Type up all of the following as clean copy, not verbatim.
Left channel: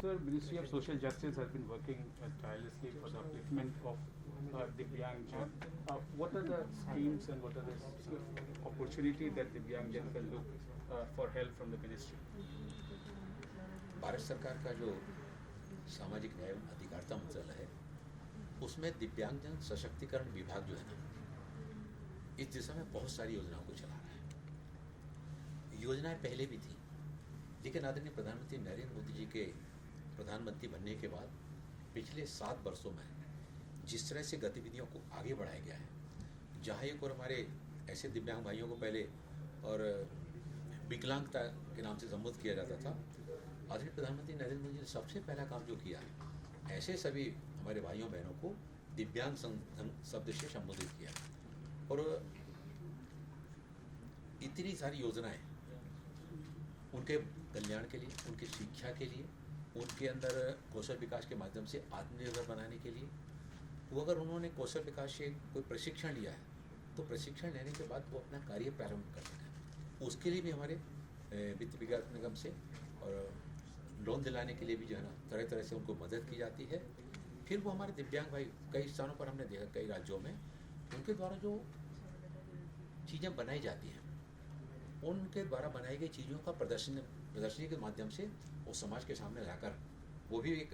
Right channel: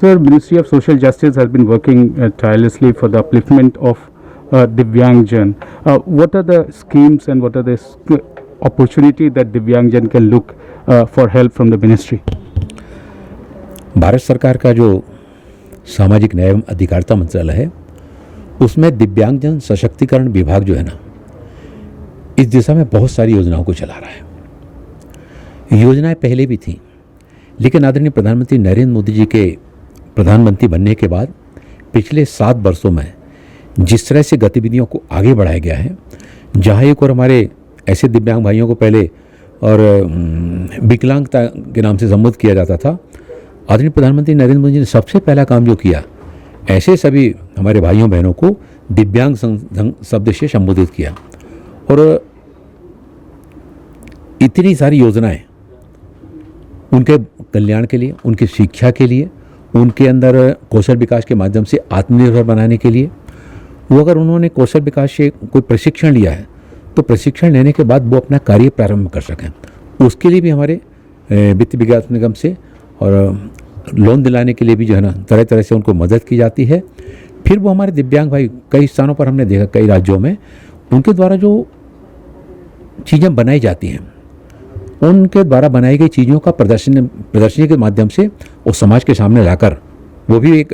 Sir, Ministry of Social Justice has been working tirelessly for the upliftment of Divyangjan. What are the schemes and what are the opportunity that Divyangjan can look for help from the ministry? Bharat सरकार का जो सामाजिक न्याय एवं अधिकारिता मंत्रालय है उसमें दिव्यांगजन सशक्तिकरण विभाग जो है ना, इस दिशा में बहुत सारी योजनाओं को चला रहा है। योजनाएं पहले भी थी, लेकिन आदरणीय प्रधानमंत्री नरेंद्र मोदी जी के प्रधानमंत्री बनने के बाद पिछले 7 वर्षों में जिस तरह से गतिविधियों को आगे बढ़ाया गया है, जहाँ एक और हमारे ऐसे दिव्यांग भाइयों को पहले और विकलांगता के नाम से संबोधित किया जाता था, आदरणीय प्रधानमंत्री नरेंद्र मोदी जी ने सबसे पहला काम जो किया, ऐसे सभी हमारे भाइयों बहनों को दिव्यांग शब्द से संबोधित किया। और इतनी सारी योजनाएं उनके कल्याण के लिए, उनकी शिक्षा के लिए, उनके अंदर कौशल विकास के माध्यम से आत्मनिर्भर बनाने के लिए। वो अगर उन्होंने कौशल विकास से कोई प्रशिक्षण लिया है तो प्रशिक्षण लेने के बाद वो अपना कार्य प्रारंभ कर सकें, उसके लिए भी हमारे वित्त विकास निगम से और लोन दिलाने के लिए भी जो है ना, तरह तरह से उनको मदद की जाती है। फिर वो हमारे दिव्यांग भाई कई स्थानों पर हमने देखा, कई राज्यों में उनके द्वारा जो चीज़ें बनाई जाती हैं, उनके द्वारा बनाई गई चीज़ों का प्रदर्शनी के माध्यम से वो समाज के सामने लाकर वो भी एक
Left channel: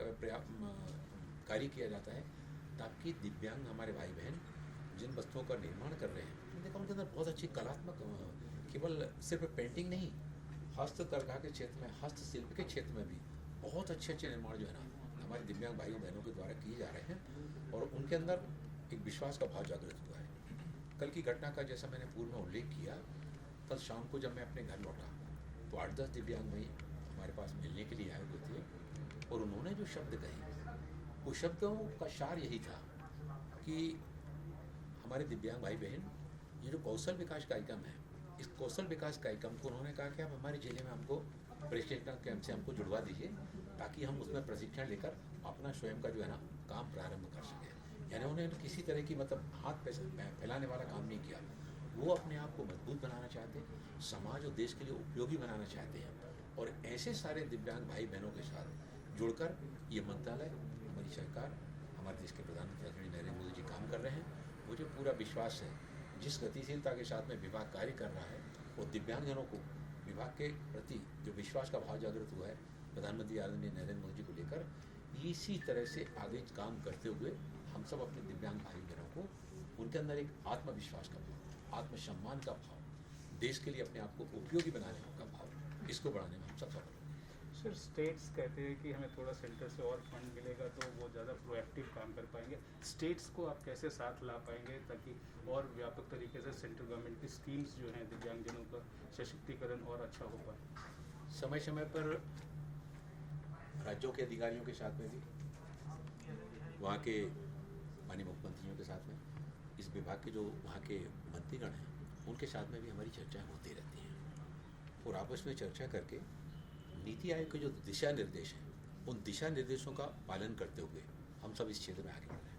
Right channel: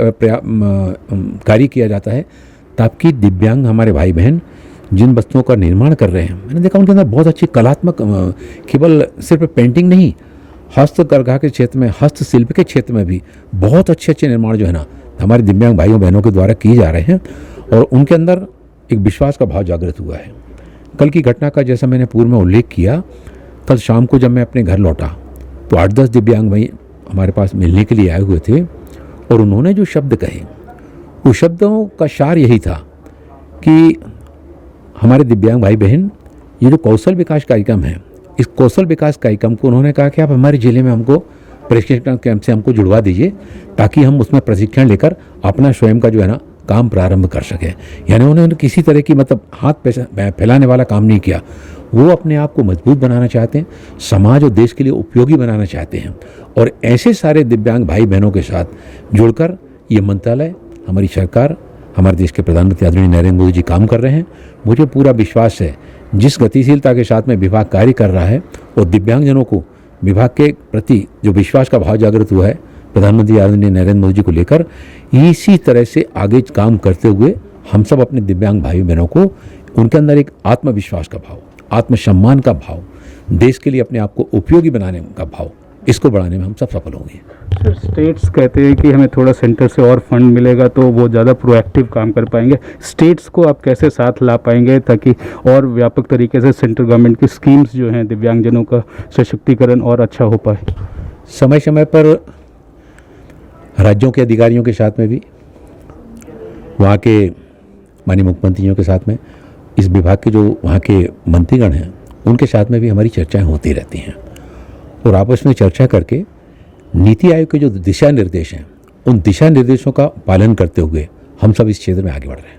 कार्य किया जाता है, ताकि दिव्यांग हमारे भाई बहन जिन वस्तुओं का निर्माण कर रहे हैं, मैंने देखा उनके अंदर बहुत अच्छी कलात्मक, केवल सिर्फ पेंटिंग नहीं, हस्तकरघा के क्षेत्र में, हस्तशिल्प के क्षेत्र में भी बहुत अच्छे अच्छे निर्माण जो है ना हमारे दिव्यांग भाइयों बहनों के द्वारा किए जा रहे हैं। और उनके अंदर एक विश्वास का भाव जागृत हुआ है। कल की घटना का जैसा मैंने पूर्व में उल्लेख किया, कल शाम को जब मैं अपने घर लौटा तो 8-10 दिव्यांग भाई हमारे पास मिलने के लिए आए हुए थे, और उन्होंने जो शब्द कहे, उस शब्दों का सार यही था कि हमारे दिव्यांग भाई बहन, ये जो कौशल विकास कार्यक्रम है, इस कौशल विकास कार्यक्रम को उन्होंने कहा कि आप हमारे ज़िले में हमको प्रशिक्षण कैंप से हमको जुड़वा दीजिए, ताकि हम उसमें प्रशिक्षण लेकर अपना स्वयं का जो है ना काम प्रारंभ कर सकें। यानी उन्होंने किसी तरह की मतलब हाथ फैलाने वाला काम नहीं किया। वो अपने आप को मजबूत बनाना चाहते हैं, समाज और देश के लिए उपयोगी बनाना चाहते हैं। और ऐसे सारे दिव्यांग भाई बहनों के साथ जुड़कर ये मंत्रालय, हमारी सरकार, हमारे देश के प्रधानमंत्री आदरणीय नरेंद्र मोदी जी काम कर रहे हैं। मुझे पूरा विश्वास है, जिस गतिशीलता के साथ में विभाग कार्य कर रहा है और दिव्यांगजनों को विभाग के प्रति जो विश्वास का भाव जागृत हुआ है प्रधानमंत्री आदरणीय नरेंद्र मोदी जी को लेकर, इसी तरह से आगे काम करते हुए हम सब अपने दिव्यांग भाई बहनों को, उनके अंदर एक आत्मविश्वास का भाव, आत्मसम्मान का भाव, देश के लिए अपने आप को उपयोगी बनाने का भाव, इसको बढ़ाने में हम सब सफल होंगे। सर, स्टेट्स कहते हैं कि हमें थोड़ा सेंटर से और फंड मिलेगा तो वो ज़्यादा प्रोएक्टिव काम कर पाएंगे। स्टेट्स को आप कैसे साथ ला पाएंगे ताकि और व्यापक तरीके से सेंट्रल गवर्नमेंट की स्कीम्स जो हैं दिव्यांगजनों का सशक्तिकरण और अच्छा हो पाए? समय समय पर राज्यों के अधिकारियों के साथ में भी, वहाँ के माननीय मुख्यमंत्रियों के साथ में, इस विभाग के जो वहाँ के मंत्रीगण हैं उनके साथ में भी हमारी चर्चाएं होती रहती हैं। और आपस में चर्चा करके नीति आयोग के जो दिशा निर्देश हैं, उन दिशा निर्देशों का पालन करते हुए हम सब इस क्षेत्र में आगे बढ़ रहे हैं।